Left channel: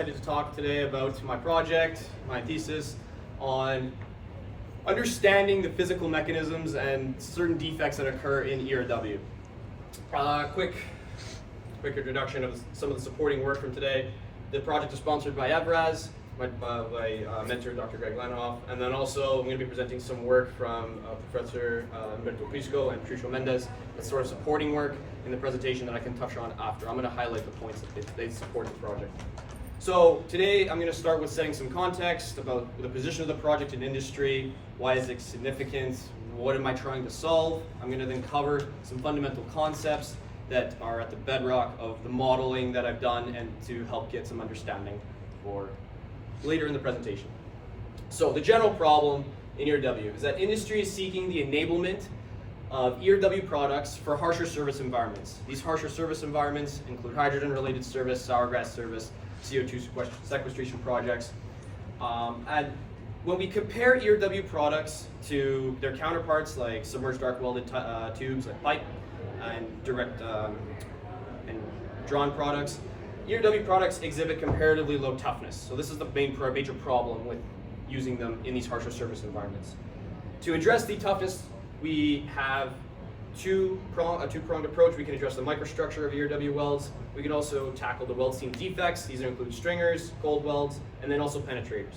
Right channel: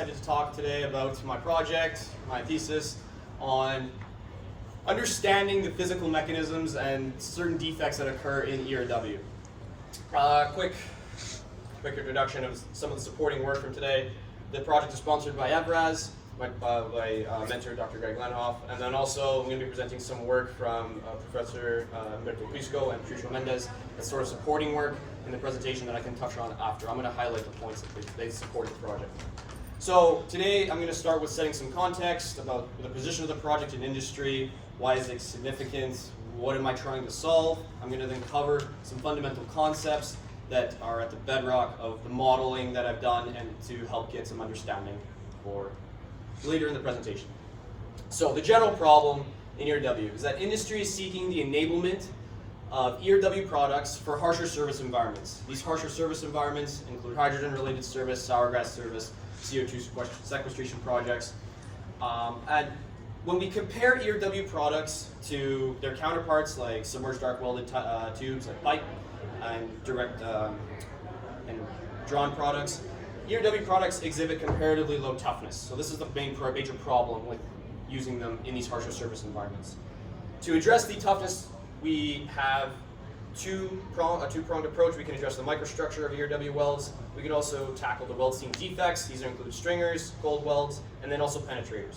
To talk today about my project, my thesis on understanding the physical mechanisms and certain defects that occur in ERW. Quick introduction of some of the supporting work from today. The project is sponsored by ERW, my mentor, Dr. Lehnhoff, and then also I'm going to be presenting some work from Professor Prisco and Mendez. It's sort of supporting work in the presentation that I can touch on after. I'm going to highlight the points that they support the project. So today I'm going to start with setting some context about the position of the project in industry, why is it significant, what am I trying to solve. I'm going to then cover some fundamental concepts that are at the bedrock of the modeling that I've done and to help get some understanding for later in the presentation. So the general problem in ERW is that industry is seeking the enablement of ERW products for harsher service environments. These harsher service environments include hydrogen-related service, sour gas service, CO2 sequestration projects. And when we compare ERW products to their counterparts like submerged arc welded tubes like pipe and direct and drawn products, ERW products exhibit comparatively low toughness. So this is the major problem with using them in these harsher service environments. To address the toughness, we have a two-pronged approach. We can address the microstructure of ERW welds. We can also tackle the weld seam defects. These include stringers, cold welds, and then also penetrators.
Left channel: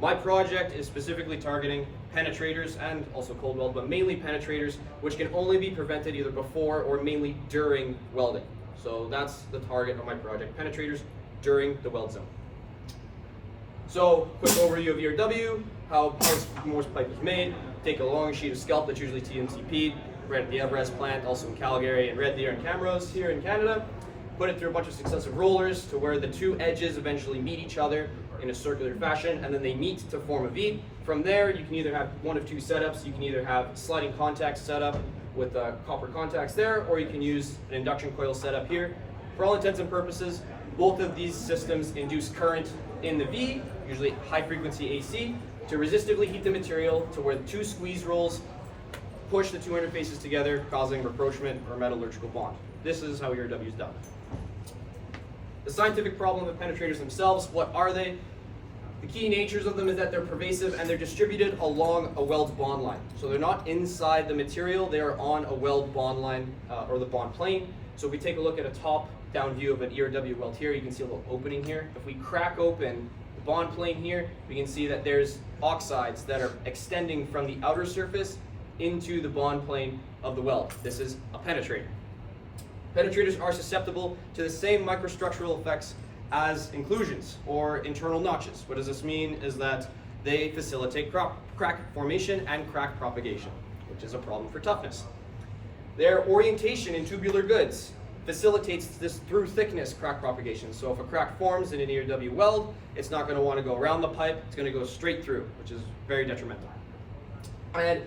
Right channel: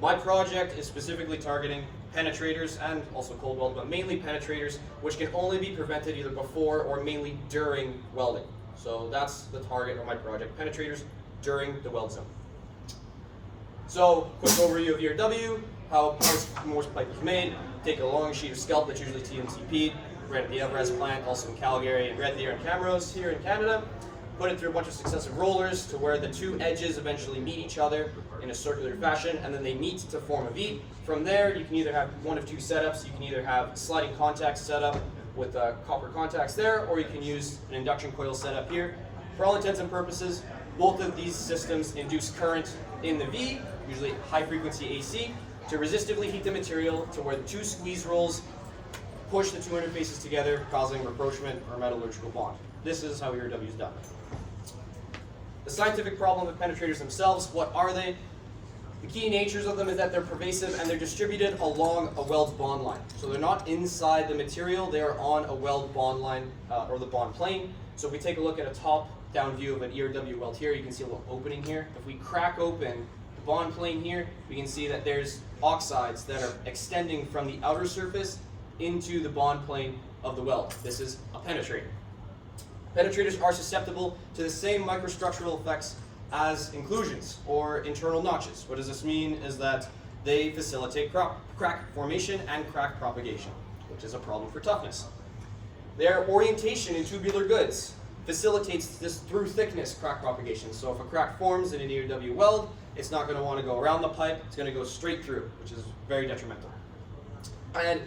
My project is specifically targeting penetrators and also cold weld, but mainly penetrators, which can only be prevented either before or mainly during welding. So that's the target of my project, penetrators during the weld zone. So, quick overview of ERW, how Morse pipe is made. Take a long sheet of scalp that's usually TNCP'd, right at the ERW plant, also in Calgary and Red Deer and Camrose here in Canada. Put it through a bunch of successive rollers to where the two edges eventually meet each other in a circular fashion, and then they meet to form a V. From there, you can either have one of two setups. You can either have sliding contact setup with copper contacts there, or you can use an induction coil setup here. For all intents and purposes, both of these systems induce current in the V, usually high frequency AC, to resistively heat the material to where the two squeeze rolls push the two interfaces together, causing rapprochement or metallurgical bond. This is how ERW is done. The scientific problem of penetrators themselves, what are they? The key natures of them is that they're pervasive and they're distributed along a weld bond line. So they're not inside the material, they're on a weld bond line or the bond plane. So if we take a look at a top-down view of an ERW weld here, you can see a little opening here. If we crack open the bond plane here, we can see that there's oxides that are extending from the outer surface into the bond plane of the weld. This is a penetrator. Penetrators are susceptible to the same microstructural effects as inclusions or internal notches. What does this mean is that they facilitate crack formation and crack propagation, which is a problem for toughness. Their orientation in tubular goods facilitates this through thickness crack propagation. So if a crack forms in an ERW weld, it's not going to want to go around the pipe, it's going to go straight through, which is very detrimental. And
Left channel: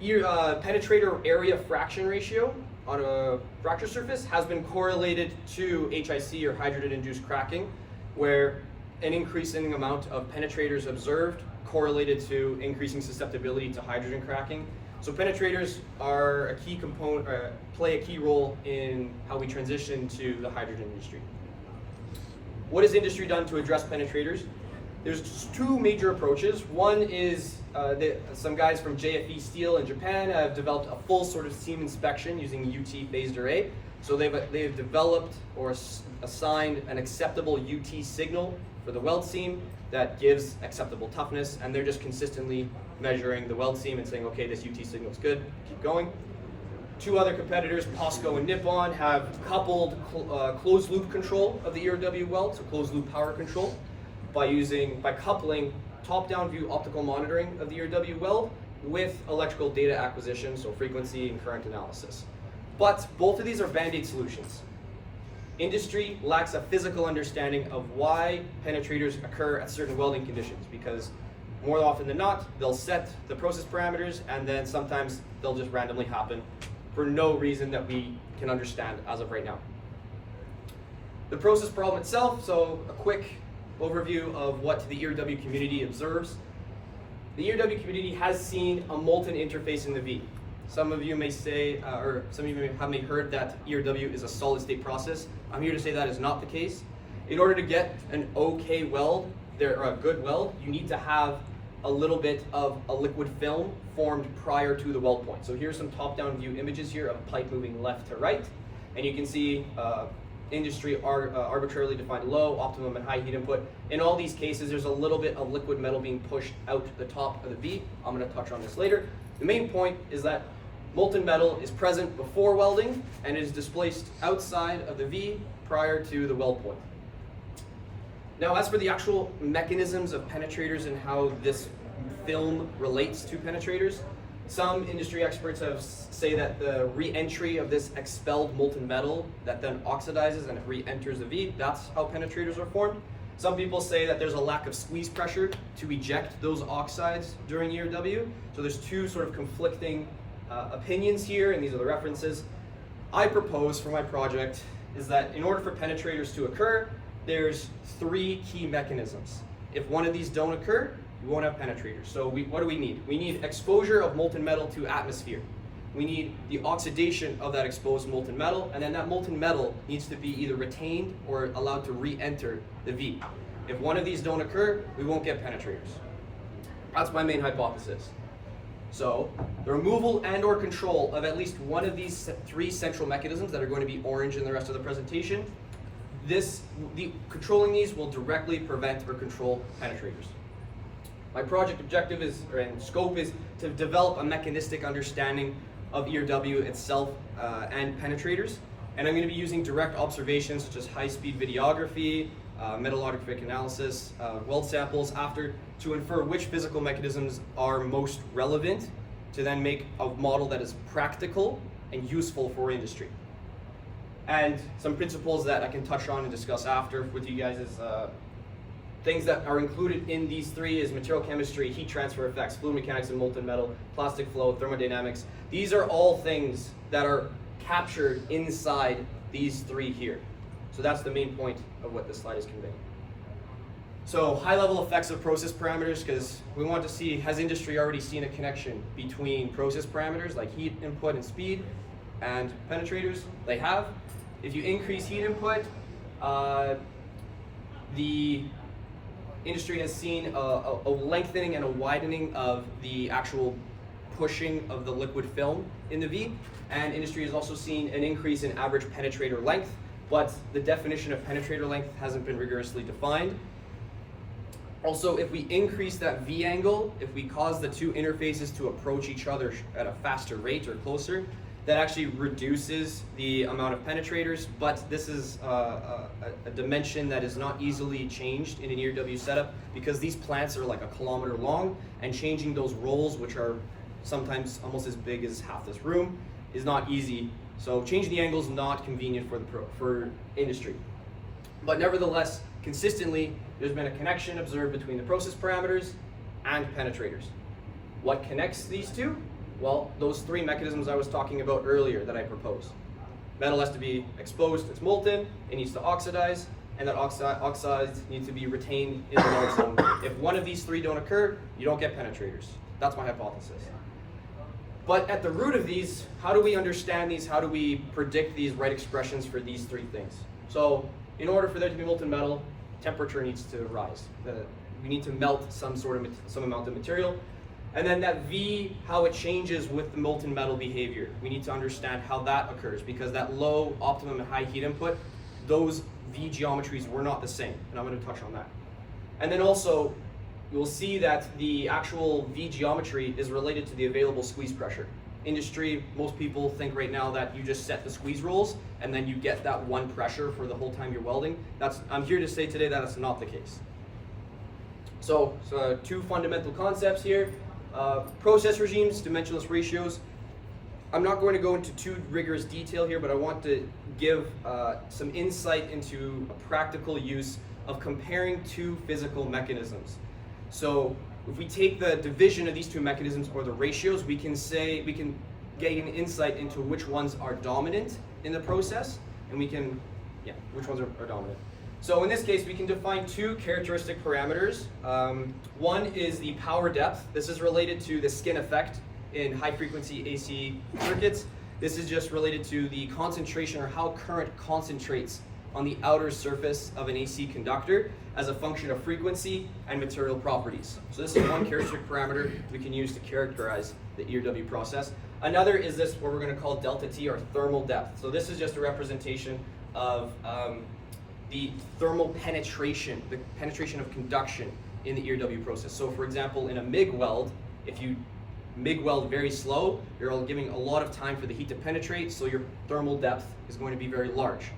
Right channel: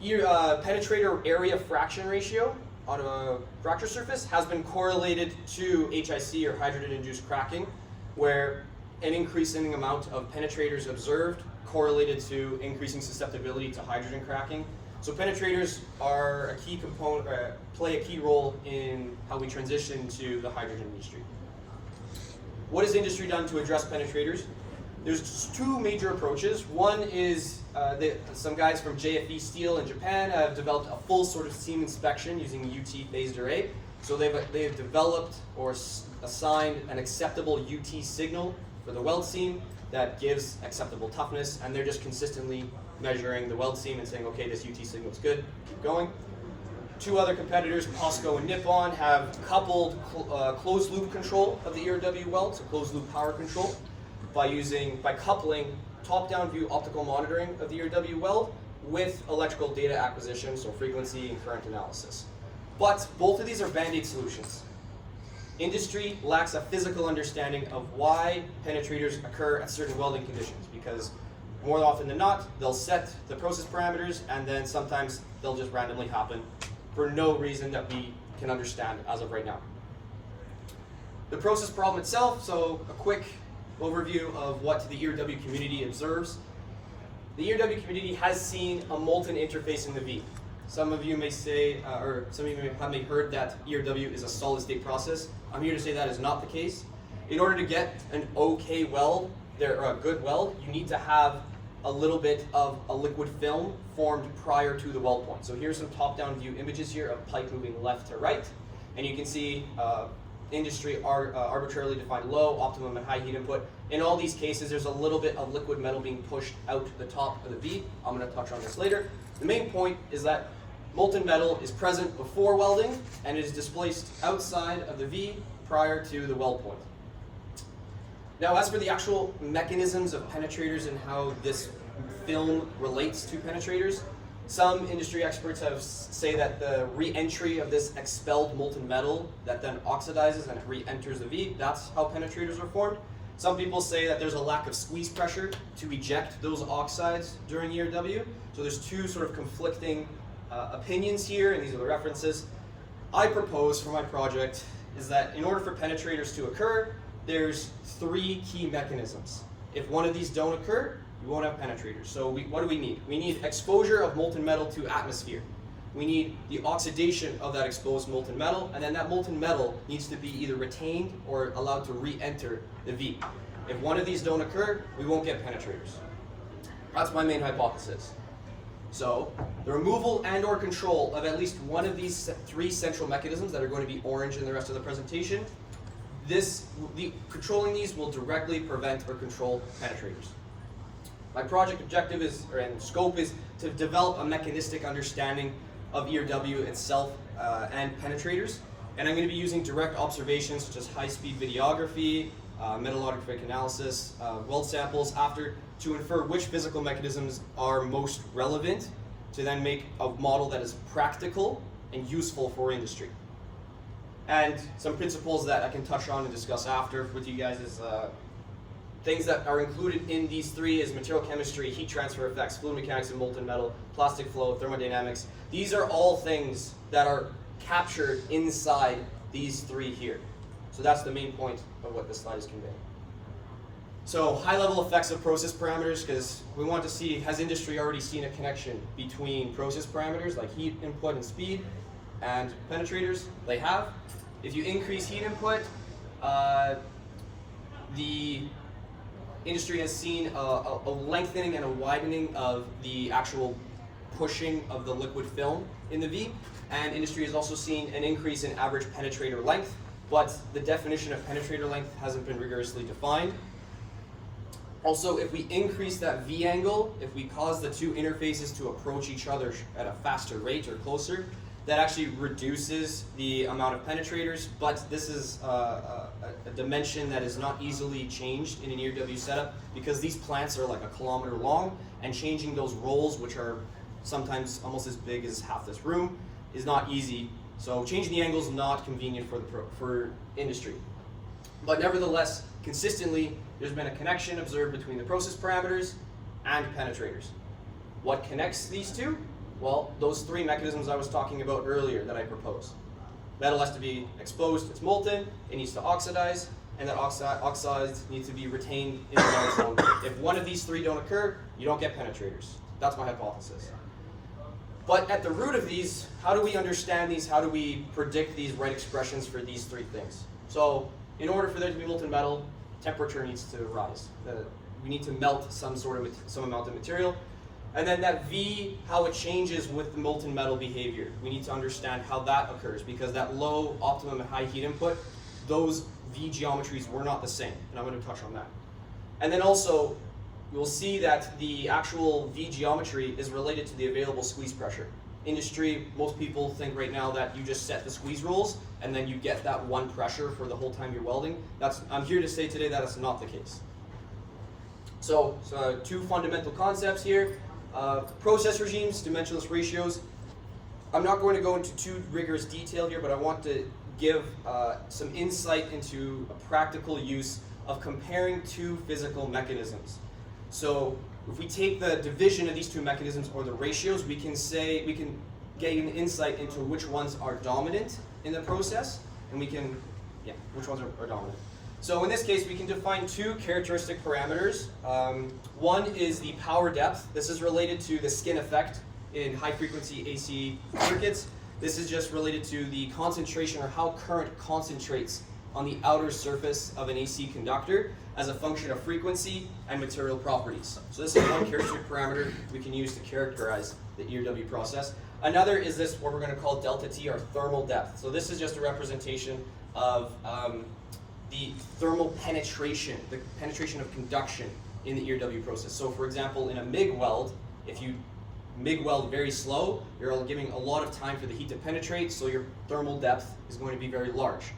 penetrator area fraction ratio on a fracture surface has been correlated to HIC or hydrogen-induced cracking, where an increasing amount of penetrators observed correlated to increasing susceptibility to hydrogen cracking. So penetrators are a key component, play a key role in how we transition to the hydrogen industry. What has industry done to address penetrators? There's two major approaches. One is some guys from JFE Steel in Japan have developed a full sort of seam inspection using UT phased array. So they've developed or assigned an acceptable UT signal for the weld seam that gives acceptable toughness, and they're just consistently measuring the weld seam and saying, okay, this UT signal is good, keep going. Two other competitors, POSCO and Nippon, have coupled closed loop control of the ERW weld, so closed loop power control, by coupling top-down view optical monitoring of the ERW weld with electrical data acquisition, so frequency and current analysis. But both of these are band-aid solutions. Industry lacks a physical understanding of why penetrators occur at certain welding conditions, because more often than not, they'll set the process parameters and then sometimes they'll just randomly happen for no reason that we can understand as of right now. The process problem itself, so a quick overview of what the ERW community observes. The ERW community has seen a molten interface in the V. Some of you may say, or some of you may have heard that ERW is a solid state process. I'm here to say that is not the case. in order to get an okay weld, or a good weld, you need to have a little bit of a liquid film formed prior to the weld point. So here's some top-down view images here of a pipe moving left to right, and you can see industry arbitrarily defined low, optimum, and high heat input. In all these cases, there's a little bit of liquid metal being pushed out the top of the V. I'm going to touch on this later. The main point is that molten metal is present before welding and is displaced outside of the V prior to the weld point. Now, as for the actual mechanisms of penetrators and how this film relates to penetrators, some industry experts say that the re-entry of this expelled molten metal that then oxidizes and it re-enters the V, that's how penetrators are formed. Some people say that there's a lack of squeeze pressure to eject those oxides during ERW. So there's two sort of conflicting opinions here, and these are the references. I propose for my project is that in order for penetrators to occur, there's three key mechanisms. If one of these don't occur, we won't have penetrators. So what do we need? We need exposure of molten metal to atmosphere. We need the oxidation of that exposed molten metal, and then that molten metal needs to be either retained or allowed to re-enter the V. If one of these don't occur, we won't get penetrators. That's my main hypothesis. So the removal and or control of at least one of these three central mechanisms that are going to be orange in the rest of the presentation, controlling these will directly prevent or control penetrators. My project objective and scope is to develop a mechanistic understanding of ERW itself and penetrators. And I'm going to be using direct observations such as high-speed videography, metallographic analysis, weld samples to infer which physical mechanisms are most relevant to then make a model that is practical and useful for industry. And some principles that I can touch on and discuss after with you guys is things that are included in these three is material chemistry, heat transfer effects, fluid mechanics and molten metal, plastic flow, thermodynamics. These are all things that are captured inside these three here. So that's the main point of what this slide is conveying. So high-level effects of process parameters, because we want to see, has industry already seen a connection between process parameters like heat input and speed and penetrators? They have. If you increase heat input, the industry has seen a lengthening and a widening of the actual pushing of the liquid film in the V, and industry has also seen an increase in average penetrator length, but the definition of penetrator length hasn't been rigorously defined. Also, if we increase that V angle, if we cause the two interfaces to approach each other at a faster rate or closer, that actually reduces the amount of penetrators, but this is a dimension that is not easily changed in an ERW setup because these plants are like a kilometer long, and changing those rolls, which are sometimes almost as big as half this room, is not easy. So changing the angle is not convenient for industry. But nevertheless, consistently, there's been a connection observed between the process parameters and penetrators. What connects these two? Well, those three mechanisms I was talking about earlier that I proposed. Metal has to be exposed, it's molten, it needs to oxidize, and that oxides need to be retained in the limit zone. If one of these three don't occur, you don't get penetrators. That's my hypothesis. But at the root of these, how do we understand these? How do we predict these right expressions for these three things? So in order for there to be molten metal, temperature needs to rise. We need to melt some amount of material. And then that V, how it changes with the molten metal behavior. We need to understand how that occurs because that low, optimum, and high heat input, those V geometries were not the same. And I'm going to touch on that. And then also, we'll see that the actual V geometry is related to the available squeeze pressure. Industry, most people think right now that you just set the squeeze rules and then you get that one pressure for the whole time you're welding. I'm here to say today that that's not the case. So two fundamental concepts here. Process regimes, dimensionless ratios. I'm not going to go into too rigorous detail here, but I want to give some insight into a practical use of comparing two physical mechanisms. So if we take the division of these two mechanisms or the ratios, we can gain insight into which ones are dominant in the process, and which ones are dominant. So in this case, we can define two characteristic parameters. One is the power depth. This is related to the skin effect in high-frequency AC circuits. This is just related to the concentration or how current concentrates on the outer surface of an AC conductor as a function of frequency and material properties. So this is one characteristic parameter we can use to characterize the ERW process. Another is this, what we're going to call delta T, or thermal depth. So this is just a representation of the thermal penetration, the penetration of conduction in the ERW process. So for example, in a MIG weld, if you MIG weld very slow, you're giving a lot of time for the heat to penetrate, so your thermal depth is going to be very large.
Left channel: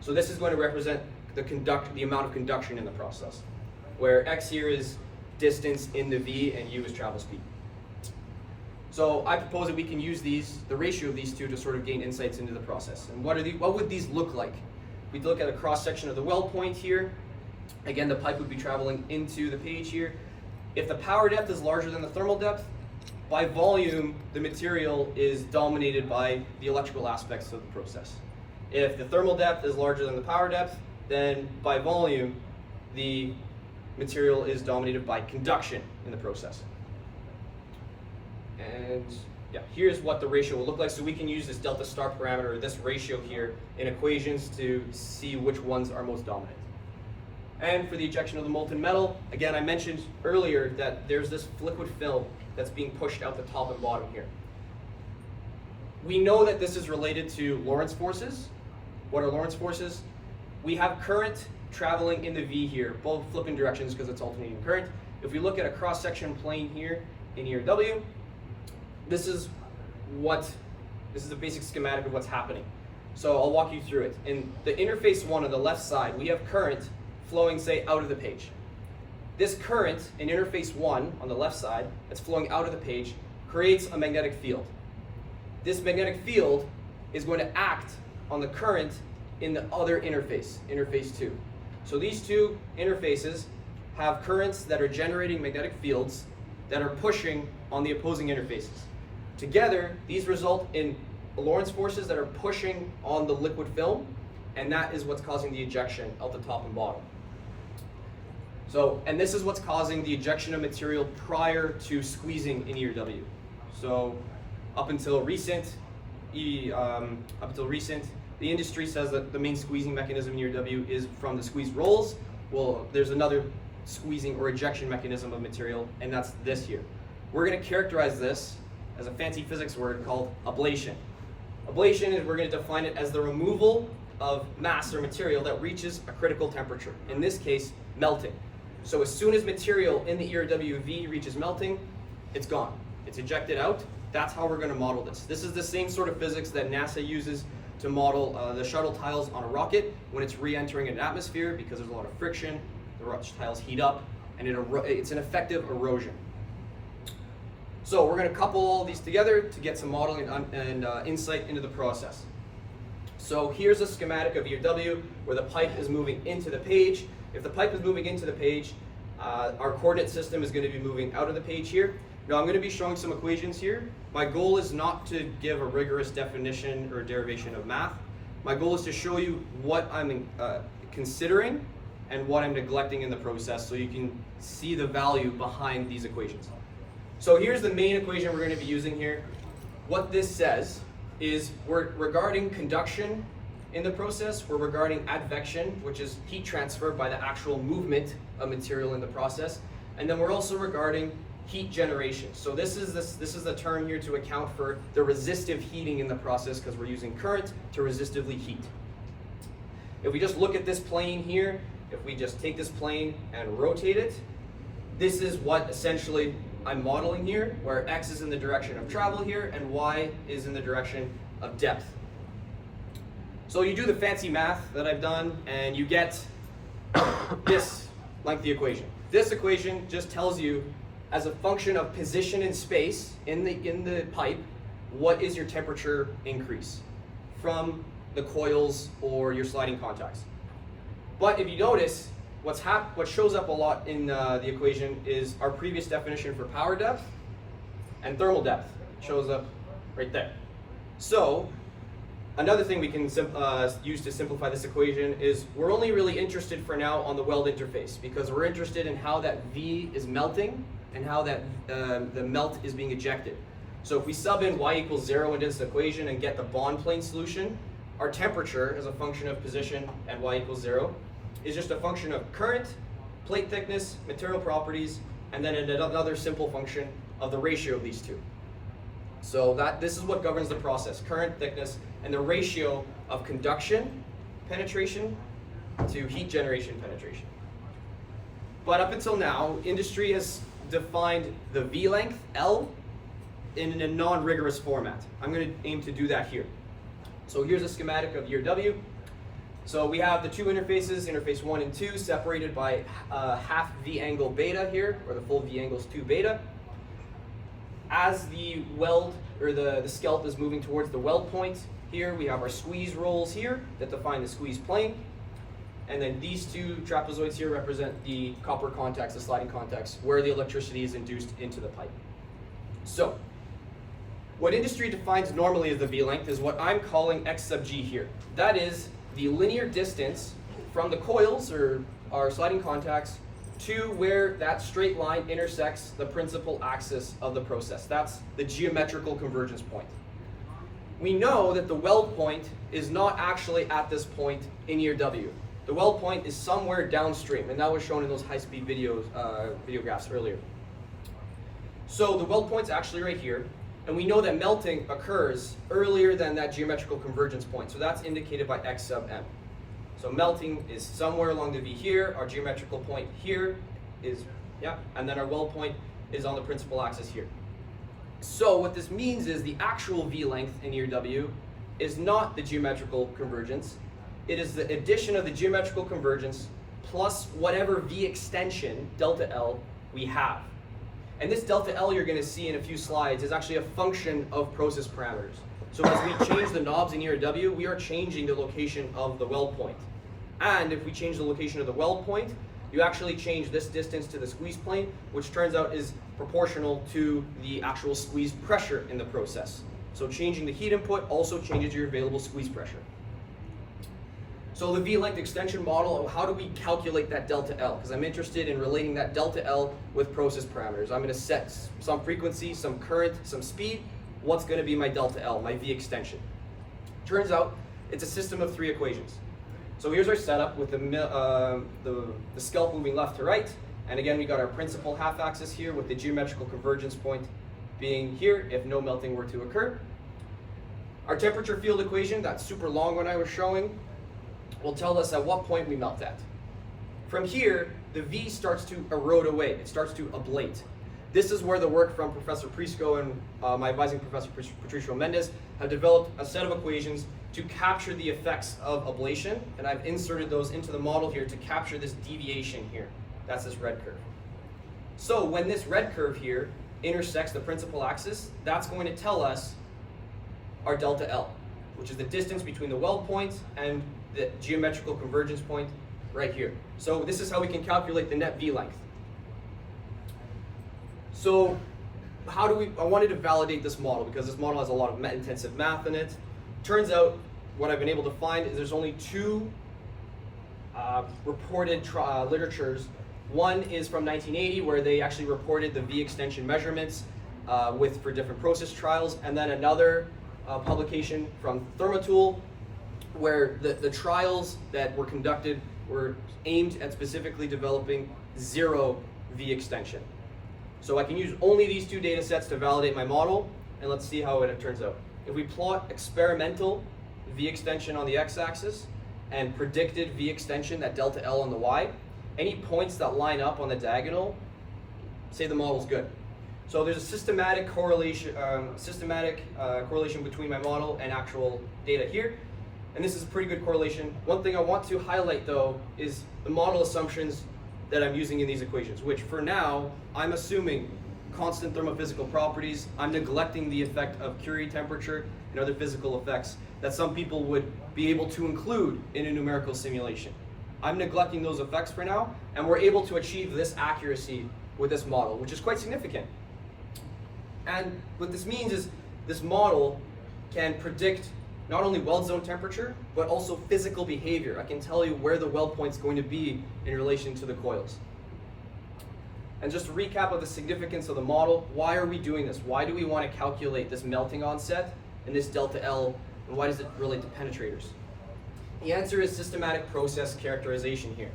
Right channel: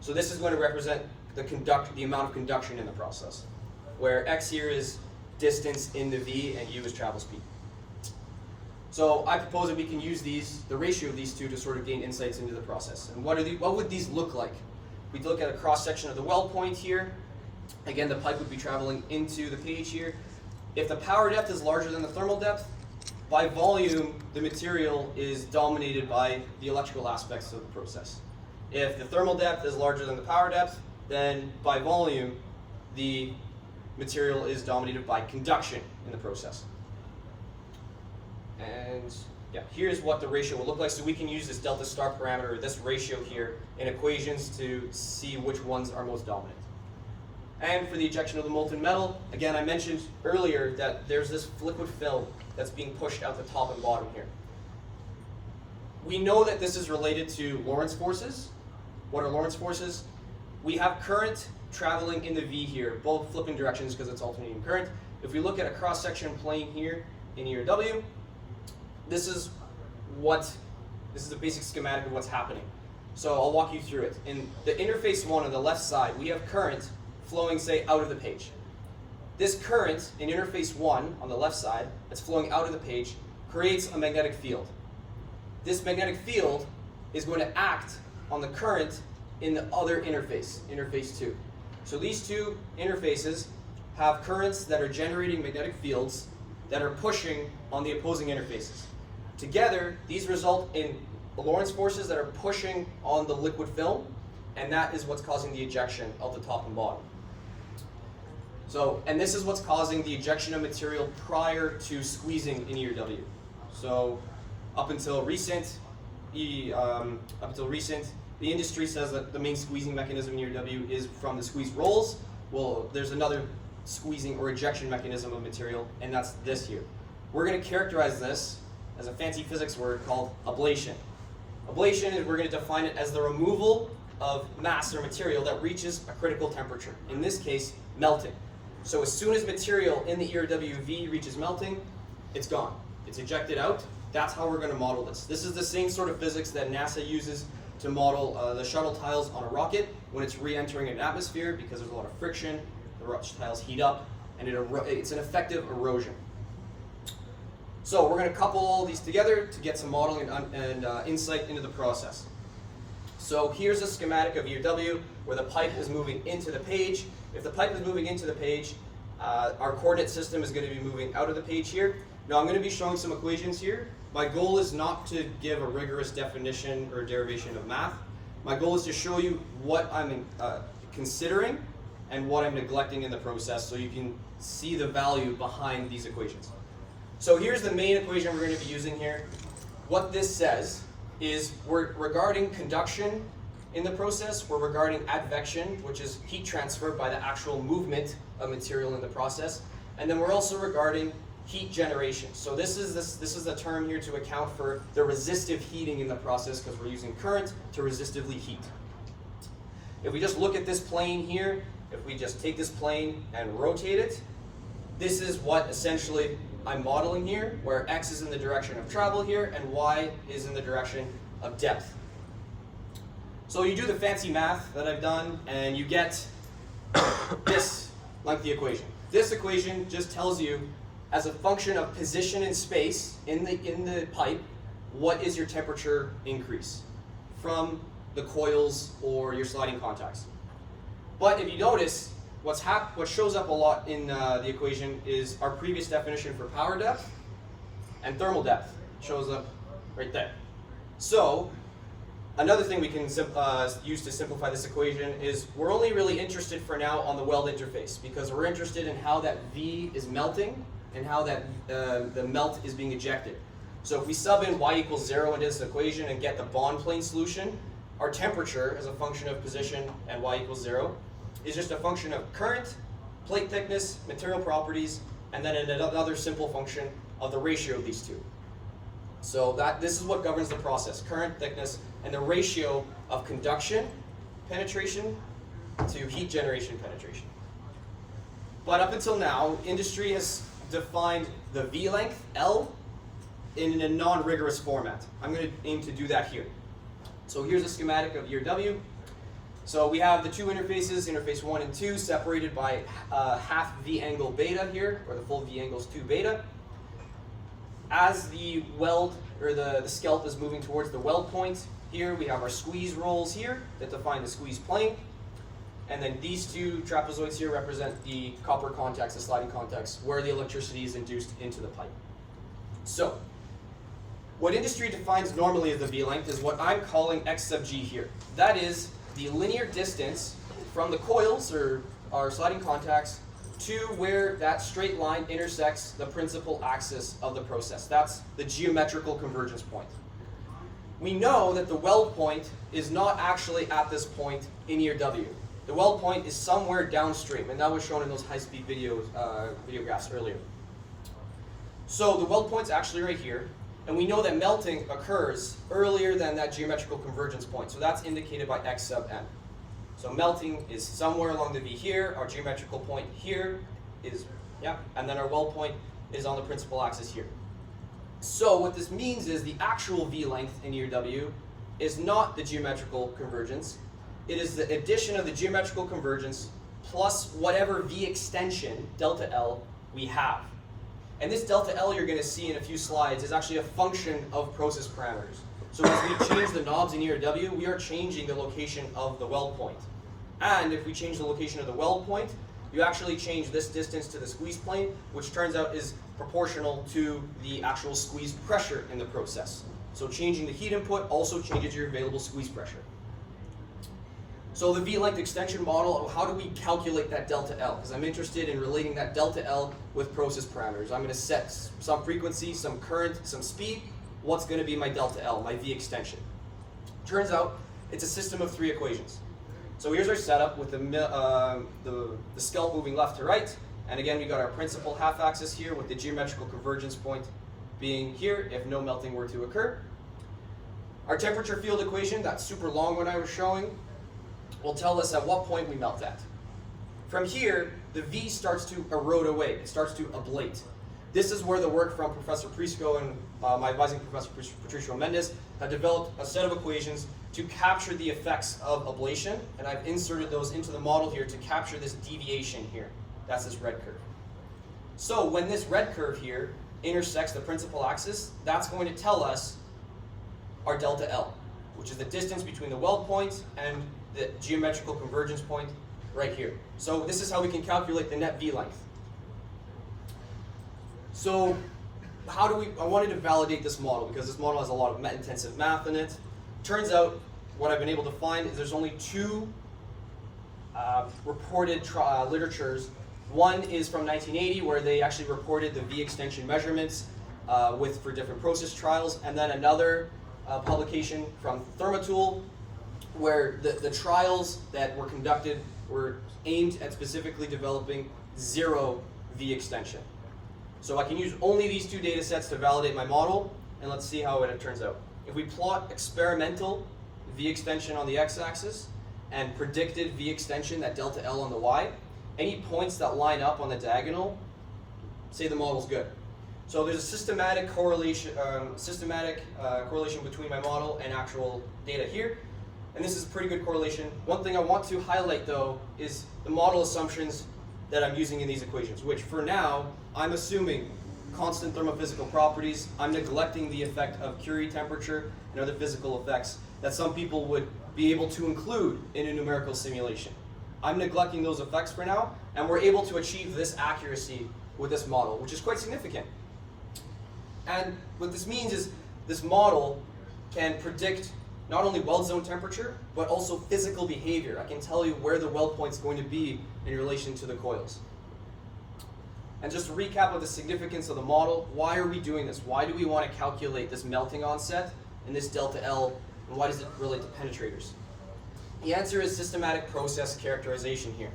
So this is going to represent the amount of conduction in the process, where X here is distance in the V and U is travel speed. So I propose that we can use the ratio of these two to sort of gain insights into the process. And what would these look like? We'd look at a cross section of the weld point here. Again, the pipe would be traveling into the page here. If the power depth is larger than the thermal depth, by volume, the material is dominated by the electrical aspects of the process. If the thermal depth is larger than the power depth, then by volume, the material is dominated by conduction in the process. And yeah, here's what the ratio will look like. So we can use this delta star parameter, this ratio here, in equations to see which ones are most dominant. And for the ejection of the molten metal, again, I mentioned earlier that there's this liquid film that's being pushed out the top and bottom here. We know that this is related to Lorentz forces. What are Lorentz forces? We have current traveling in the V here, both flipping directions because it's alternating current. If we look at a cross-section plane here in ERW, this is the basic schematic of what's happening. So I'll walk you through it. In the interface 1 on the left side, we have current flowing, say, out of the page. This current in interface 1 on the left side that's flowing out of the page creates a magnetic field. This magnetic field is going to act on the current in the other interface, interface 2. So these two interfaces have currents that are generating magnetic fields that are pushing on the opposing interfaces. Together, these result in Lorentz forces that are pushing on the liquid film, and that is what's causing the ejection out the top and bottom. So, and this is what's causing the ejection of material prior to squeezing in ERW. So, up until recent, the industry says that the main squeezing mechanism in ERW is from the squeeze rolls. Well, there's another squeezing or ejection mechanism of material, and that's this here. We're going to characterize this as a fancy physics word called ablation. Ablation is, we're going to define it as the removal of mass or material that reaches a critical temperature, in this case, melting. So as soon as material in the ERWV reaches melting, it's gone. It's ejected out. That's how we're going to model this. This is the same sort of physics that NASA uses to model the shuttle tiles on a rocket when it's re-entering an atmosphere, because there's a lot of friction, the tiles heat up, and it's an effective erosion. So we're going to couple all these together to get some modeling and insight into the process. So here's a schematic of ERW where the pipe is moving into the page. If the pipe is moving into the page, our coordinate system is going to be moving out of the page here. Now I'm going to be showing some equations here. My goal is not to give a rigorous definition or derivation of math. My goal is to show you what I'm considering and what I'm neglecting in the process, so you can see the value behind these equations. So here's the main equation we're going to be using here. What this says is we're regarding conduction in the process, we're regarding advection, which is heat transfer by the actual movement of material in the process, and then we're also regarding heat generation. So this is the term here to account for the resistive heating in the process, because we're using current to resistively heat. If we just look at this plane here, if we just take this plane and rotate it, this is what essentially I'm modeling here, where X is in the direction of travel here and Y is in the direction of depth. So you do the fancy math that I've done and you get this lengthy equation. This equation just tells you, as a function of position in space in the pipe, what is your temperature increase from the coils or your sliding contacts. But if you notice, what shows up a lot in the equation is our previous definition for power depth and thermal depth. It shows up right there. So another thing we can use to simplify this equation is we're only really interested for now on the weld interface, because we're interested in how that V is melting and how that the melt is being ejected. So if we sub in y equals 0 into this equation and get the bond plane solution, our temperature as a function of position and y equals 0 is just a function of current, plate thickness, material properties, and then another simple function of the ratio of these two. So this is what governs the process: current, thickness, and the ratio of conduction penetration to heat generation penetration. But up until now, industry has defined the V length, L, in a non-rigorous format. I'm going to aim to do that here. So here's a schematic of ERW. So we have the two interfaces, interface 1 and 2, separated by half V angle beta here, or the full V angle is 2 beta. As the weld, or the scalp is moving towards the weld point, here we have our squeeze rolls here that define the squeeze plane. And then these two trapezoids here represent the copper contacts, the sliding contacts, where the electricity is induced into the pipe. So, what industry defines normally as the V length is what I'm calling X sub G here. That is the linear distance from the coils, or our sliding contacts, to where that straight line intersects the principal axis of the process. That's the geometrical convergence point. We know that the weld point is not actually at this point in ERW. The weld point is somewhere downstream, and that was shown in those high-speed video graphs earlier. So the weld point's actually right here, and we know that melting occurs earlier than that geometrical convergence point, so that's indicated by X sub n. So melting is somewhere along the V here, our geometrical point here is, and then our weld point is on the principal axis here. So what this means is the actual V length in ERW is not the geometrical convergence. It is the addition of the geometrical convergence plus whatever V extension, delta L, we have. And this delta L you're going to see in a few slides is actually a function of process parameters. So as we change the knobs in ERW, we are changing the location of the weld point. And if we change the location of the weld point, you actually change this distance to the squeeze plane, which turns out is proportional to the actual squeeze pressure in the process. So changing the heat input also changes your available squeeze pressure. So the V-length extension model, how do we calculate that delta L? Because I'm interested in relating that delta L with process parameters. I'm going to set some frequency, some current, some speed. What's going to be my delta L, my V extension? Turns out it's a system of 3 equations. So here's our setup with the scalp moving left to right. And again, we got our principal half axis here with the geometrical convergence point being here if no melting were to occur. Our temperature field equation, that super long one I was showing, will tell us at what point we melt at. From here, the V starts to erode away. It starts to ablate. This is where the work from Professor Prisco and my advising professor, Patricio Mendez, have developed a set of equations to capture the effects of ablation, and I've inserted those into the model here to capture this deviation here. That's this red curve. So when this red curve here intersects the principal axis, that's going to tell us our delta L, which is the distance between the weld point and the geometrical convergence point right here. So this is how we can calculate the net V length. So how do I wanted to validate this model because this model has a lot of intensive math in it. Turns out what I've been able to find is there's only 2 reported literatures. One is from 1980 where they actually reported the V extension measurements for different process trials, and then another publication from Thermotool where the trials that were conducted were aimed at specifically developing 0 V extension. So I can use only these 2 data sets to validate my model, and let's see how it turns out. If we plot experimental V extension on the x-axis and predicted V extension, that delta L on the y, any points that line up on the diagonal, say the model's good. So there's a systematic correlation between my model and actual data here, and this is a pretty good correlation. One thing I want to highlight though is the model assumptions that I'm using in these equations, which for now, I'm assuming constant thermophysical properties. I'm neglecting the effect of Curie temperature and other physical effects that some people would be able to include in a numerical simulation. I'm neglecting those effects for now, and we're able to achieve this accuracy with this model, which is quite significant. And what this means is this model can predict not only weld zone temperature, but also physical behavior. I can tell you where the weld point's going to be in relation to the coils. And just to recap of the significance of the model, why are we doing this? Why do we want to calculate this melting onset and this delta L, and why does it relate to penetrators? The answer is systematic process characterization here.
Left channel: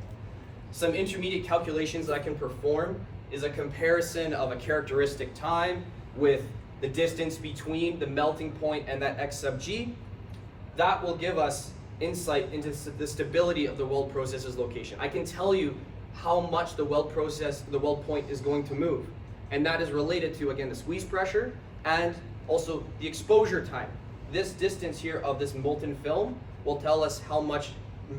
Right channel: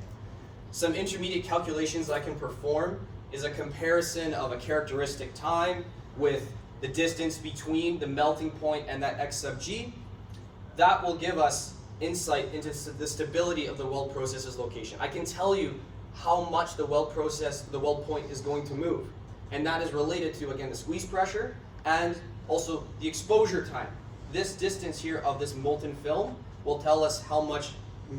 Some intermediate calculations I can perform is a comparison of a characteristic time with the distance between the melting point and that x sub g. That will give us insight into the stability of the weld process's location. I can tell you how much the weld point is going to move. And that is related to, again, the squeeze pressure and also the exposure time. This distance here of this molten film will tell us how much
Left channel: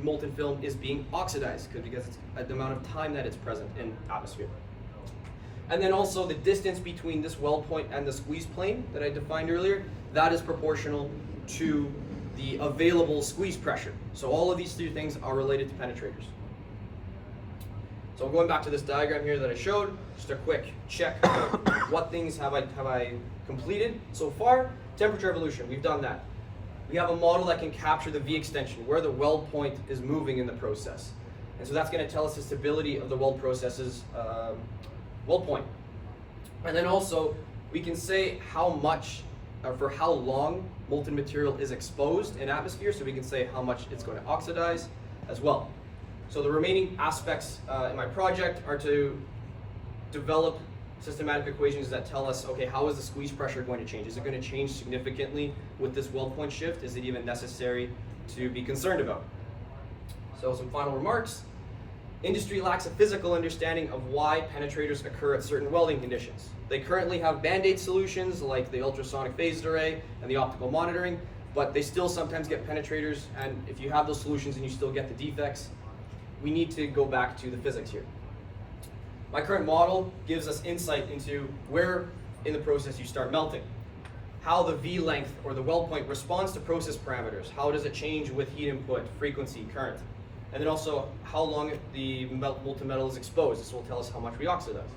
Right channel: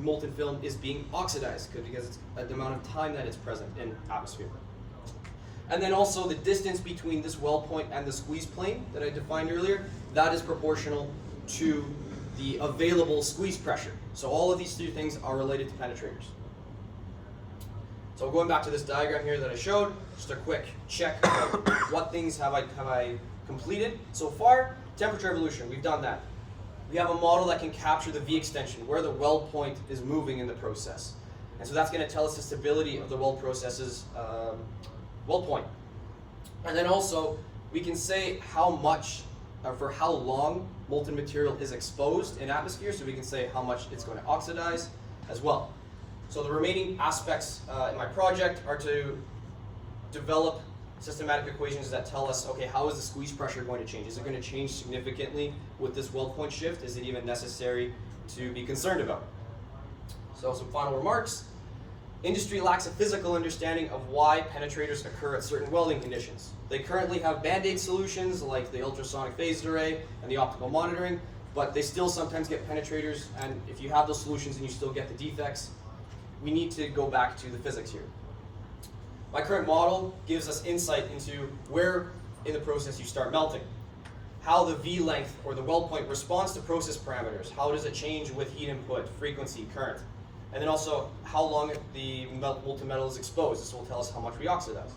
molten film is being oxidized because it's the amount of time that it's present in atmosphere. And then also the distance between this weld point and the squeeze plane that I defined earlier, that is proportional to the available squeeze pressure. So all of these three things are related to penetrators. So going back to this diagram here that I showed, just a quick check of what things have I completed so far. Temperature evolution, we've done that. We have a model that can capture the V extension, where the weld point is moving in the process. And so that's going to tell us the stability of the weld process's weld point. And then also, we can say how much, or for how long molten material is exposed in atmosphere, so we can say how much it's going to oxidize as well. So the remaining aspects in my project are to develop systematic equations that tell us, okay, how is the squeeze pressure going to change? Is it going to change significantly with this weld point shift? Is it even necessary to be concerned about? So some final remarks. Industry lacks a physical understanding of why penetrators occur at certain welding conditions. They currently have band-aid solutions like the ultrasonic phased array and the optical monitoring, but they still sometimes get penetrators, and if you have those solutions and you still get the defects, we need to go back to the physics here. My current model gives us insight into where in the process you start melting, how the V length or the weld point responds to process parameters, how does it change with heat input, frequency, current, and then also how long the molten metal is exposed. This will tell us how much we oxidize.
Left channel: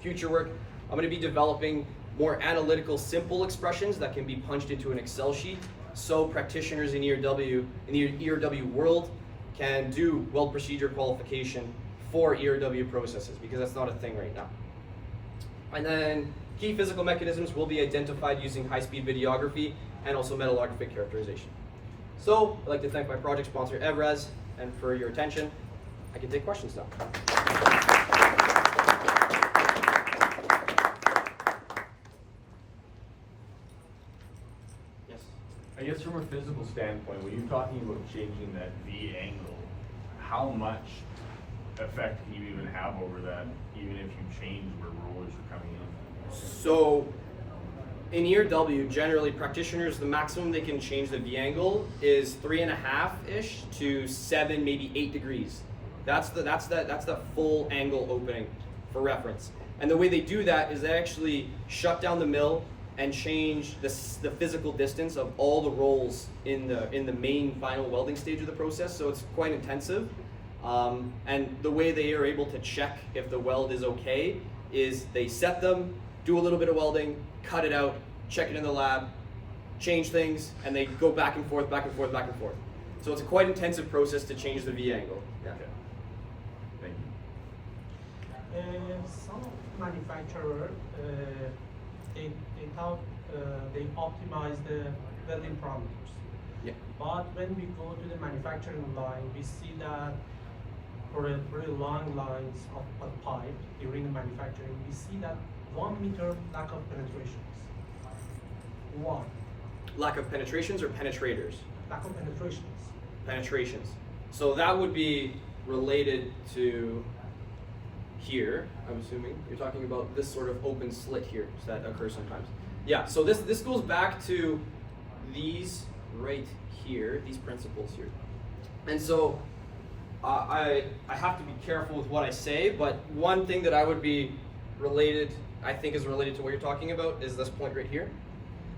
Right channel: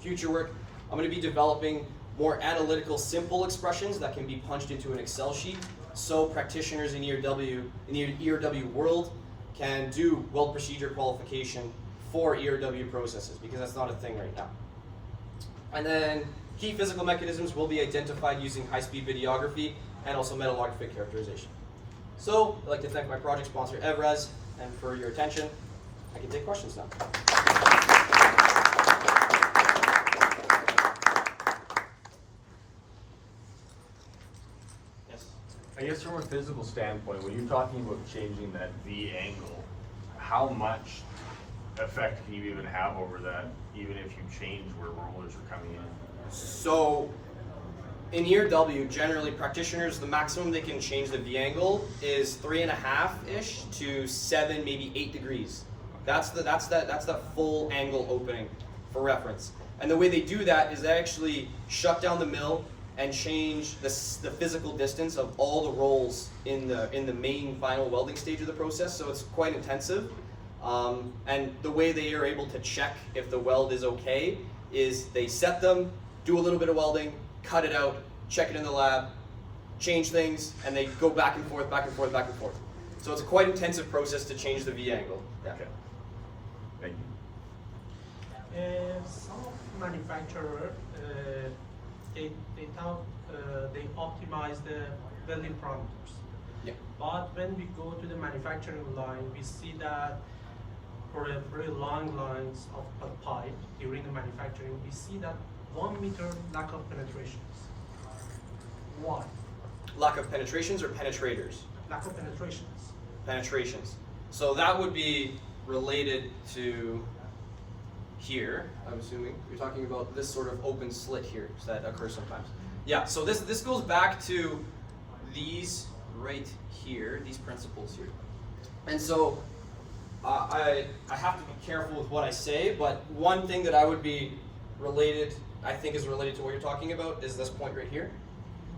Future work, I'm going to be developing more analytical, simple expressions that can be punched into an Excel sheet, so practitioners in ERW, in the ERW world, can do weld procedure qualification for ERW processes, because that's not a thing right now. And then key physical mechanisms will be identified using high-speed videography and also metallographic characterization. So I'd like to thank my project sponsor Evraz, and for your attention. I can take questions now. Yes. I guess from a physical standpoint, when you're talking about changing that V angle, how much effect can you even have over that, even if you change where rollers are coming in? So in ERW, generally practitioners, the maximum they can change the V angle is 3.5-ish to 7, maybe 8 degrees. That's the full angle opening for reference. And the way they do that is they actually shut down the mill and change the physical distance of all the rolls in the main final welding stage of the process. So it's quite intensive. And the way they are able to check if the weld is okay is they set them, do a little bit of welding, cut it out, check it in the lab, change things, and they go back and forth, back and forth, back and forth. So it's a quite intensive process to change the V angle. Yeah. Okay. Thank you. Some manufacturers, they optimize the welding parameters. Yeah. But when we go to the manufacturing line, we see that for a very long lines of a pipe during the manufacturing, we see that 1 meter lack of penetrations. Why? Lack of penetrations or penetrators? Lack of penetrations. Penetrations. So that would be related to here, I'm assuming. You're talking about this sort of open slit here that occurs sometimes. Yeah, so this goes back to these right here, these principles here. And so I have to be careful with what I say, but one thing that I would be related, I think is related to what you're talking about, is this point right here.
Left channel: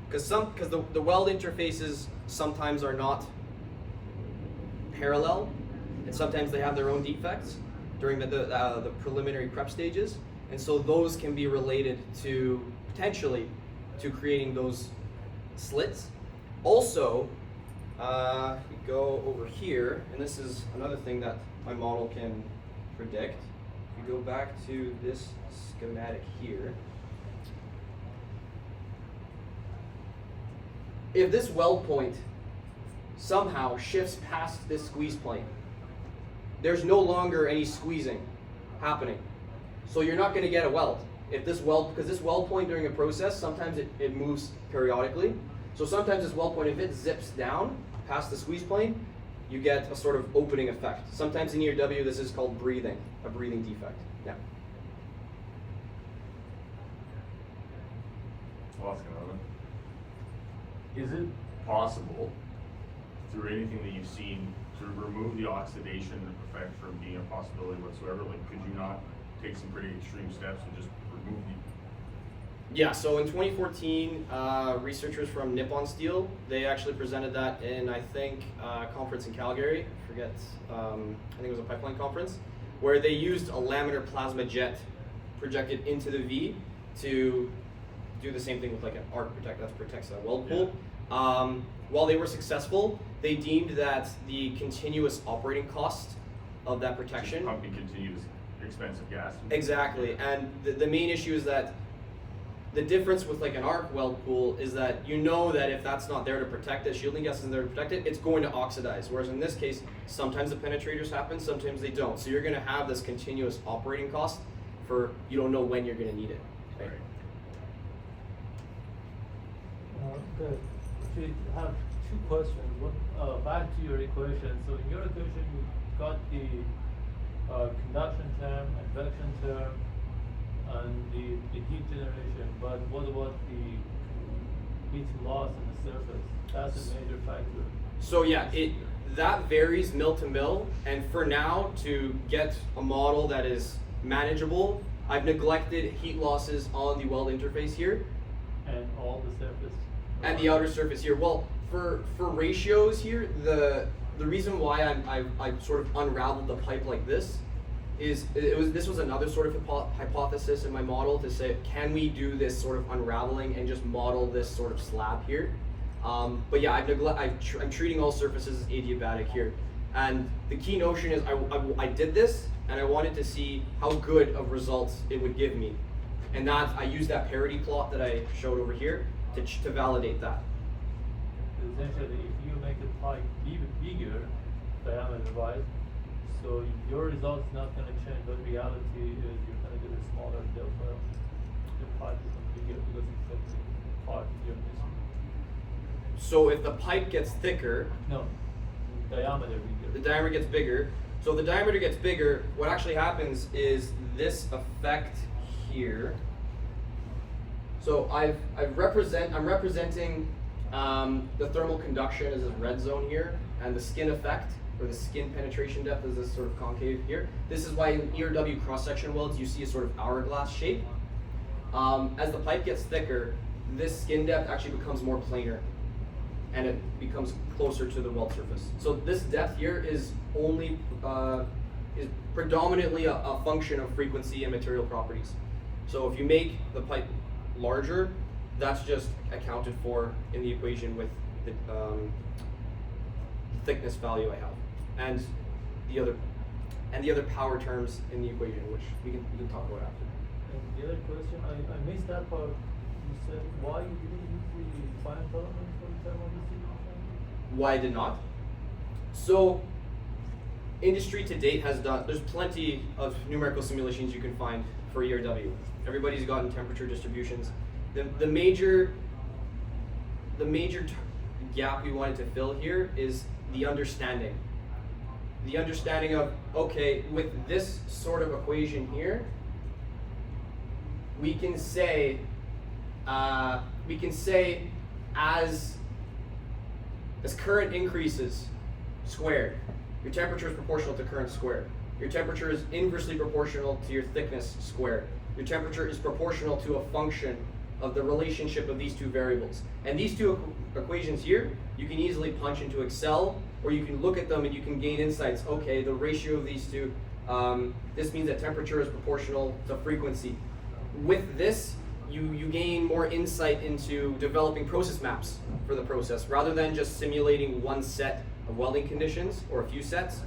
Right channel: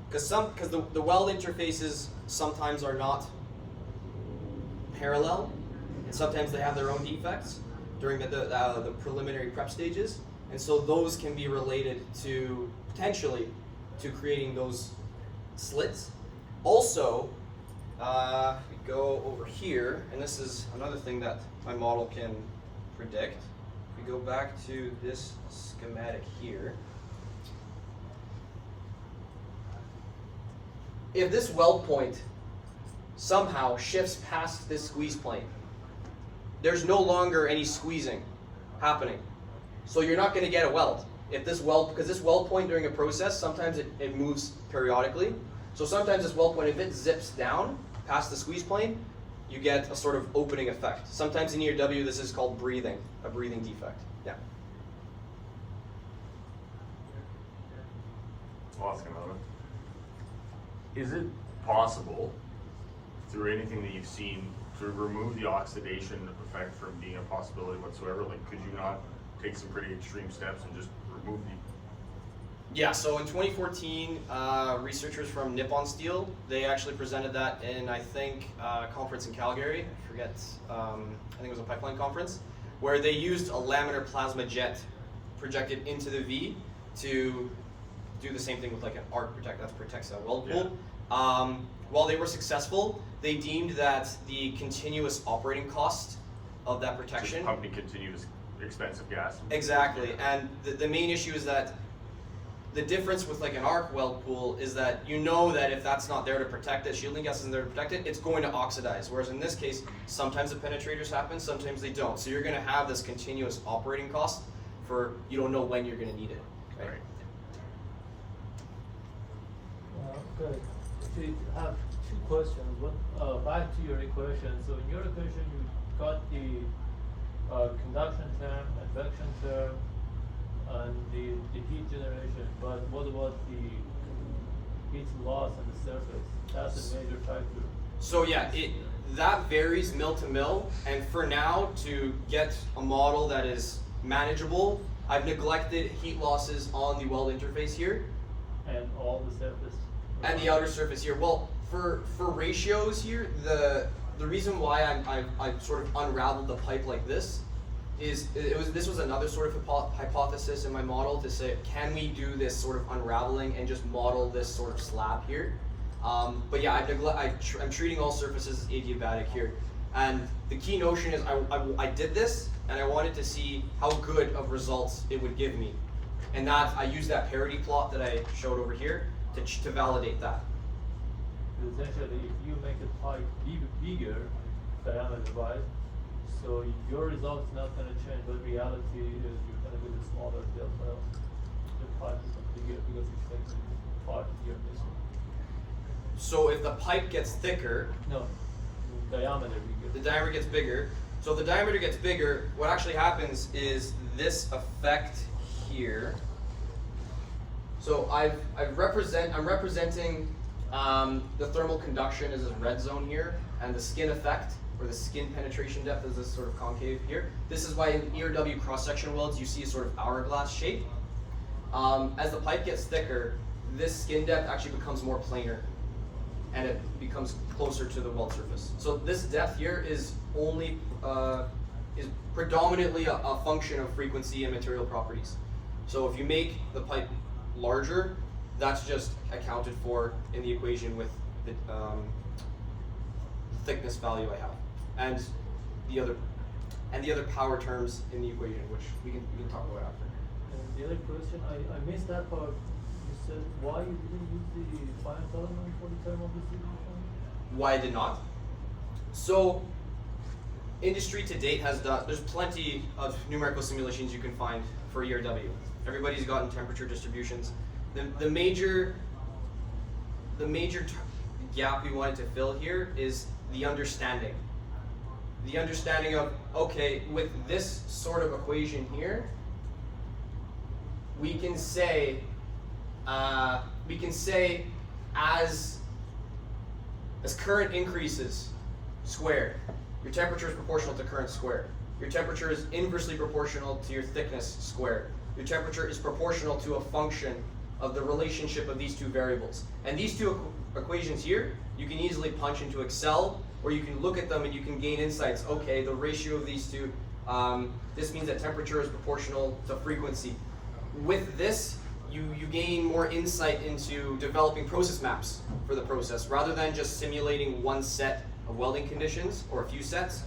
Because the weld interfaces sometimes are not parallel, and sometimes they have their own defects during the preliminary prep stages, and so those can be related to, potentially, to creating those slits. Also, we go over here, and this is another thing that my model can predict. We go back to this schematic here. If this weld point somehow shifts past this squeeze plane, there's no longer any squeezing happening. So you're not going to get a weld. If this weld, because this weld point during a process, sometimes it moves periodically. So sometimes this weld point, if it zips down past the squeeze plane, you get a sort of opening effect. Sometimes in ERW, this is called breathing, a breathing defect. Yeah. I'll ask another. Is it possible, through anything that you've seen, to remove the oxidation to perfect from being a possibility whatsoever? Like, could you not take some pretty extreme steps and just remove the... Yeah, so in 2014, researchers from Nippon Steel, they actually presented that in, I think, a conference in Calgary. I forget, I think it was a pipeline conference, where they used a laminar plasma jet projected into the V to do the same thing with like an arc protect, that protects a weld pool. Yeah. While they were successful, they deemed that the continuous operating cost of that protection... Just pumping continuous expensive gas. Exactly, and the main issue is that the difference with like an arc weld pool is that you know that if that's not there to protect it, shielding gas isn't there to protect it, it's going to oxidize. Whereas in this case, sometimes the penetrators happen, sometimes they don't. So you're going to have this continuous operating cost for, you don't know when you're going to need it. Right? Okay. Actually, I have two questions. One, back to your equation. So in your equation, you got the conduction term, advection term, and the heat generation. But what about the heat loss in the surface? That's a major factor. So yeah, that varies mill to mill. And for now, to get a model that is manageable, I've neglected heat losses on the weld interface here. And all the surface? And the outer surface here. Well, for ratios here, the reason why I sort of unraveled the pipe like this is this was another sort of hypothesis in my model to say, can we do this sort of unraveling and just model this sort of slab here? But yeah, I'm treating all surfaces as adiabatic here. And the key notion is I did this and I wanted to see how good of results it would give me. And that I used that parity plot that I showed over here to validate that. Essentially, if you make the pipe bigger, diameter-wise, so your result's not going to change, but reality is you're going to get a smaller delta. The pipe is bigger because it's taking part you're missing. So if the pipe gets thicker, No, diameter bigger. the diameter gets bigger. So if the diameter gets bigger, what actually happens is this effect here. So I'm representing the thermal conduction as this red zone here, and the skin effect, or the skin penetration depth, is this sort of concave here. This is why in ERW cross-section welds you see a sort of hourglass shape. As the pipe gets thicker, this skin depth actually becomes more planar, and it becomes closer to the weld surface. So this depth here is only is predominantly a function of frequency and material properties. So if you make the pipe larger, that's just accounted for in the equation with the thickness value I have, and the other power terms in the equation, which we can talk about after. And the other question, I missed that part. You said why you didn't use the final column for the thermal distribution? Why I did not? So industry to date has done, there's plenty of numerical simulations you can find for ERW. Everybody's gotten temperature distributions. The major gap we wanted to fill here is the understanding. The understanding of, okay, with this sort of equation here, we can say as current increases squared, your temperature is proportional to current squared. Your temperature is inversely proportional to your thickness squared. Your temperature is proportional to a function of the relationship of these two variables. And these two equations here, you can easily punch into Excel, or you can look at them and you can gain insights. Okay, the ratio of these two, this means that temperature is proportional to frequency. With this, you gain more insight into developing process maps for the process, rather than just simulating one set of welding conditions, or a few sets,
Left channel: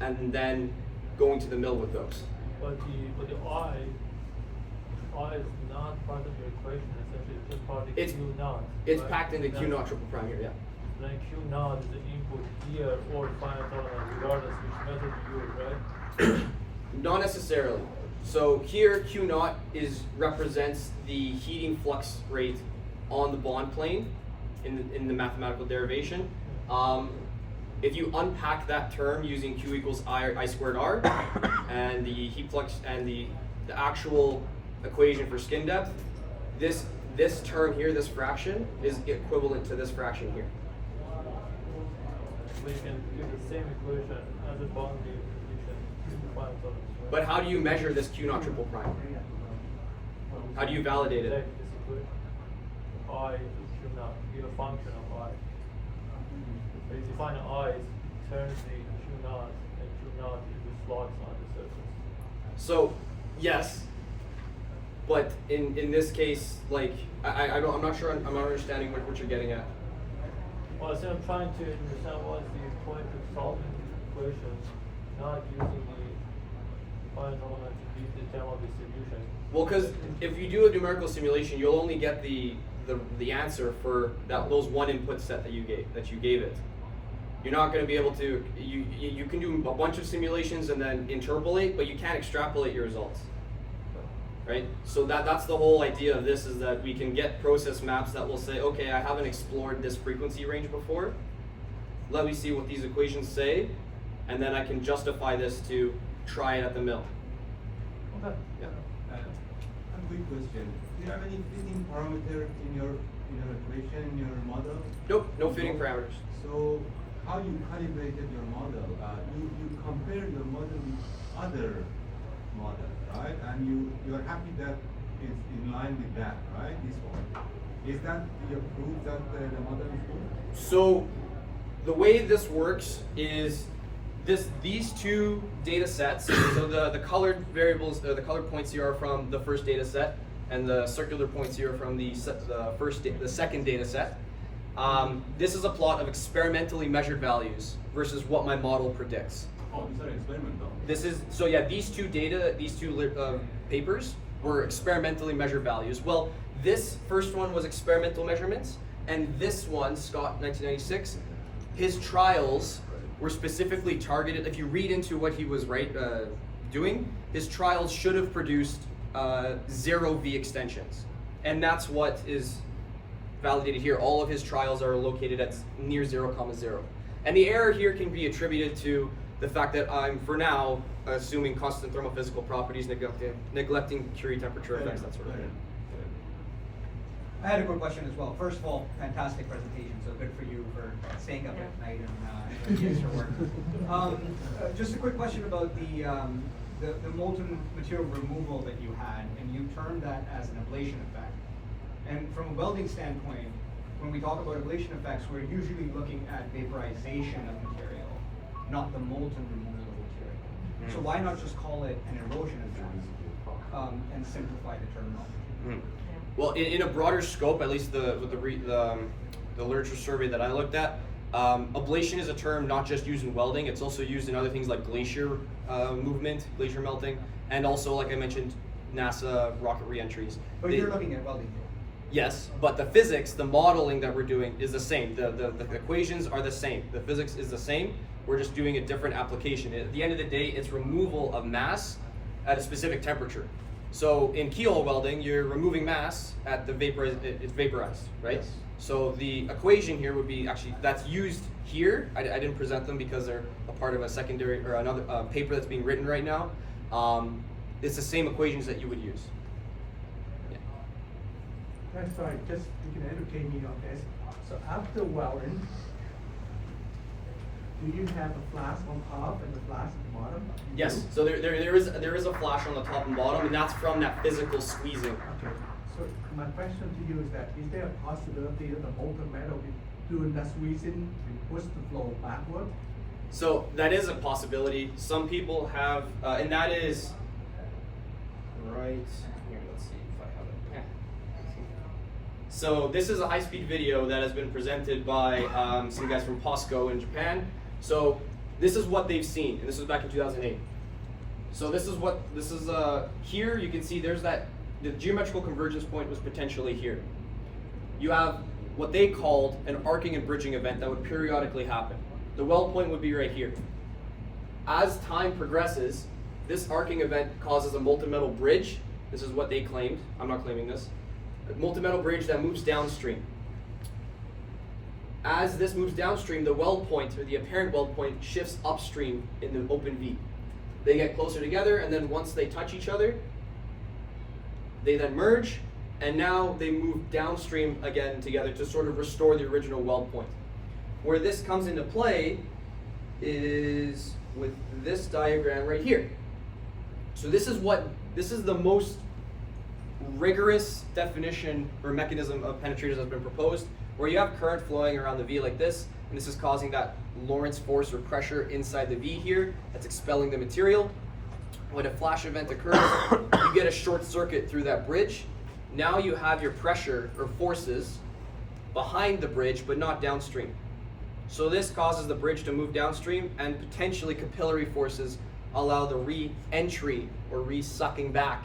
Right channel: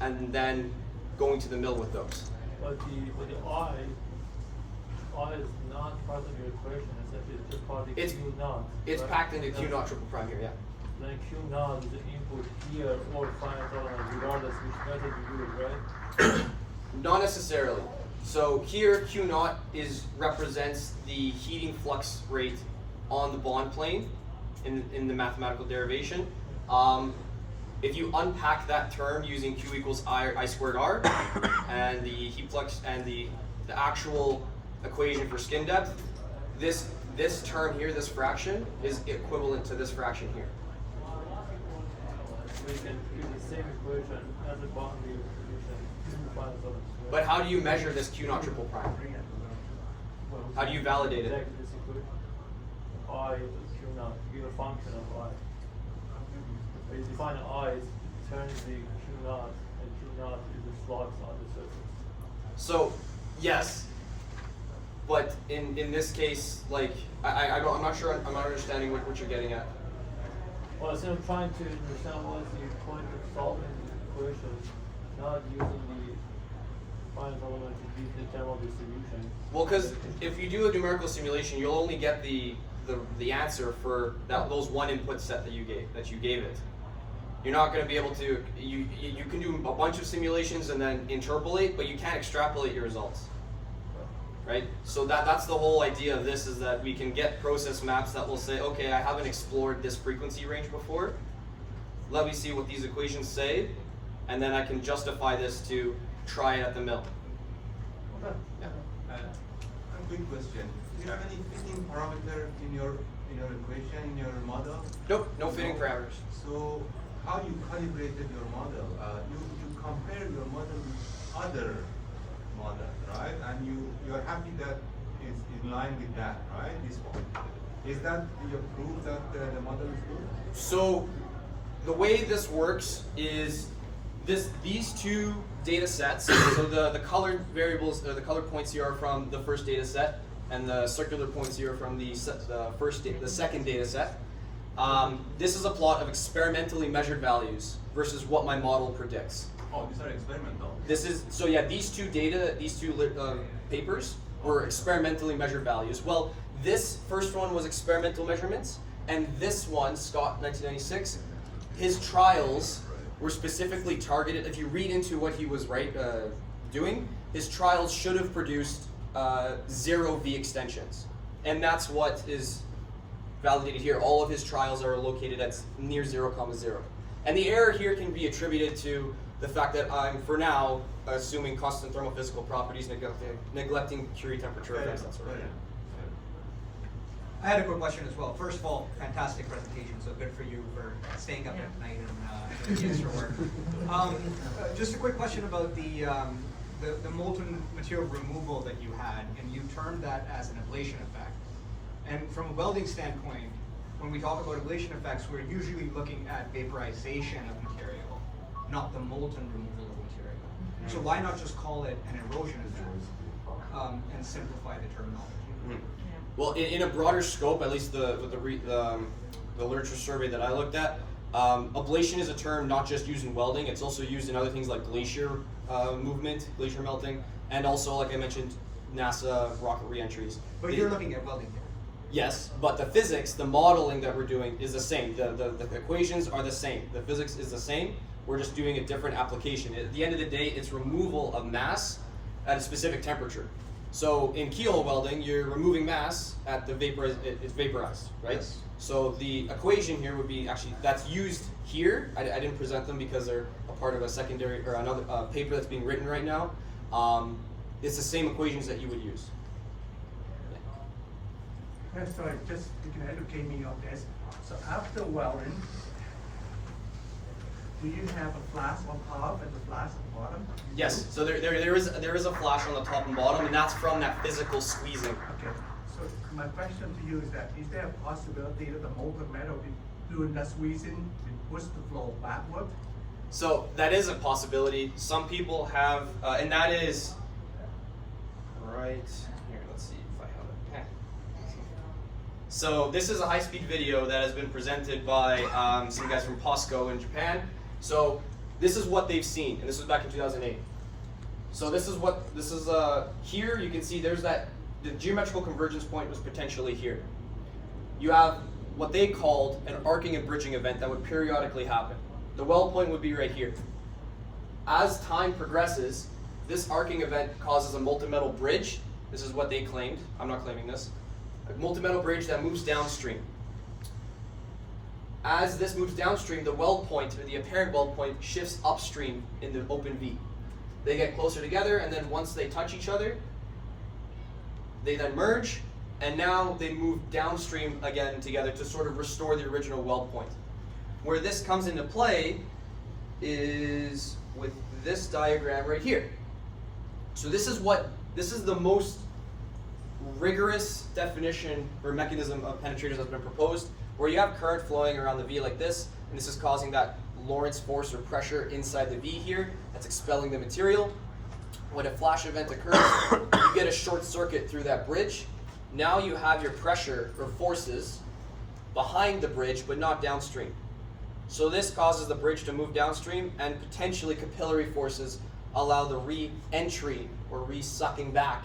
and then going to the mill with those. But the I I is not part of your equation, it's just part of It's- Q naught. It's right? packed into Q naught triple prime here, yeah. Then Q naught is the input here or final element, regardless which method you use, right? Not necessarily. So here, Q naught represents the heating flux rate on the bond plane in the mathematical derivation. If you unpack that term using Q equals I squared R and the heat flux and the actual equation for skin depth, this term here, this fraction, is equivalent to this fraction here. So you can use the same equation as a boundary equation. Final element, right? But how do you measure this Q naught triple prime? How do you validate it? Exactly this equation. I is Q naught, give a function of I. But you define I as turns the Q naught, and Q naught is the slots on the surface. So, yes, but in this case, like I'm not sure. I'm not understanding what you're getting at. Well, so I'm trying to understand what is the point of solving the equation, not using the final element to beat the general distribution. Well, because if you do a numerical simulation, you'll only get the answer for those one input set that you gave it. You're not going to be able to. You can do a bunch of simulations and then interpolate, but you can't extrapolate your results. Right? So that's the whole idea of this, is that we can get process maps that will say, okay, I haven't explored this frequency range before. Let me see what these equations say, and then I can justify this to try it at the mill. Yeah. A quick question. Do you have any fitting parameter in your equation, in your model? Nope, no fitting parameters. So how you calibrated your model? You compare your model with other models, right? And you're happy that it's in line with that, right? This one. Is that your proof that the model is good? So the way this works is these two data sets. So the colored variables, the colored points here are from the first data set, and the circular points here are from the second data set. This is a plot of experimentally measured values versus what my model predicts. Oh, these are experimental. These two papers were experimentally measured values. Well, this first one was experimental measurements, and this one, Scott, 1996, his trials were specifically targeted. If you read into what he was doing, his trials should have produced 0 V extensions, and that's what is validated here. All of his trials are located at near 0,0. And the error here can be attributed to the fact that I'm, for now, assuming constant thermal-physical properties, neglecting Curie temperature effects, that sort of thing. I had a quick question as well. First of all, fantastic presentation, so good for you for staying up at night and doing the extra work. Just a quick question about the molten material removal that you had, and you termed that as an ablation effect. And from a welding standpoint, when we talk about ablation effects, we're usually looking at vaporization of material, not the molten removal of material. So why not just call it an erosion event and simplify the terminology? Well, in a broader scope, at least the literature survey that I looked at, ablation is a term not just used in welding, it's also used in other things like glacier movement, glacier melting, and also, like I mentioned, NASA rocket reentries. But you're looking at welding here. Yes, but the physics, the modeling that we're doing is the same. The equations are the same. The physics is the same. We're just doing a different application. At the end of the day, it's removal of mass at a specific temperature. So in keyhole welding, you're removing mass at the it's vaporized, right? Yes. So the equation here would be actually, that's used here. I didn't present them because they're a part of a secondary or another paper that's being written right now. It's the same equations that you would use. Sorry, just you can educate me on this. So after welding, do you have a flash on top and a flash at the bottom? Yes. So there is a flash on the top and bottom, and that's from that physical squeezing. Okay. So my question to you is that is there a possibility that the molten metal be doing that squeezing and push the flow backward? So that is a possibility. Some people have, and that is right here. Let's see if I have it. So this is a high-speed video that has been presented by some guys from POSCO in Japan. So this is what they've seen, and this was back in 2008. So this is here. You can see there's that the geometrical convergence point was potentially here. You have what they called an arcing and bridging event that would periodically happen. The weld point would be right here. As time progresses, this arcing event causes a molten metal bridge. This is what they claimed. I'm not claiming this. A molten metal bridge that moves downstream. As this moves downstream, the weld point, or the apparent weld point, shifts upstream in the open V. They get closer together, and then once they touch each other, they then merge, and now they move downstream again together to sort of restore the original weld point. Where this comes into play is with this diagram right here. So this is the most rigorous definition or mechanism of penetrators that's been proposed, where you have current flowing around the V like this, and this is causing that Lorentz force or pressure inside the V here that's expelling the material. When a flash event occurs, you get a short circuit through that bridge. Now you have your pressure or forces behind the bridge, but not downstream. So this causes the bridge to move downstream, and potentially capillary forces allow the re-entry or re-sucking back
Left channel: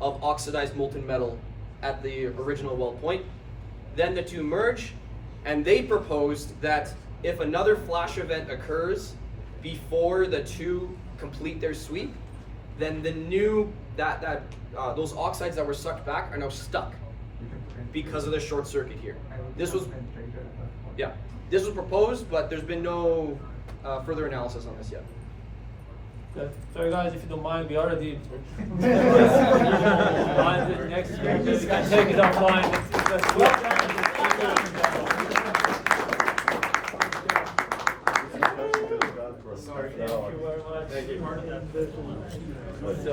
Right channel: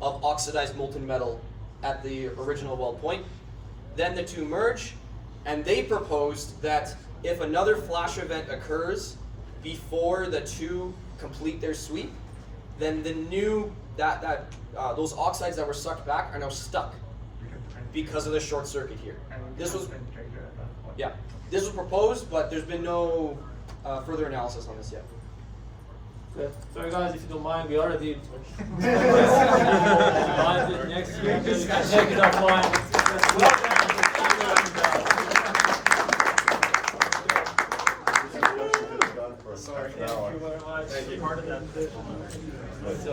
of oxidized molten metal at the original weld point. Then the two merge, and they proposed that if another flash event occurs before the two complete their sweep, then the new those oxides that were sucked back are now stuck because of the short circuit here. This was this was proposed, but there's been no further analysis on this yet. Yeah. Sorry guys, if you don't mind, we already next week. You can check it offline. Sorry. Thank you very much. Thank you. So,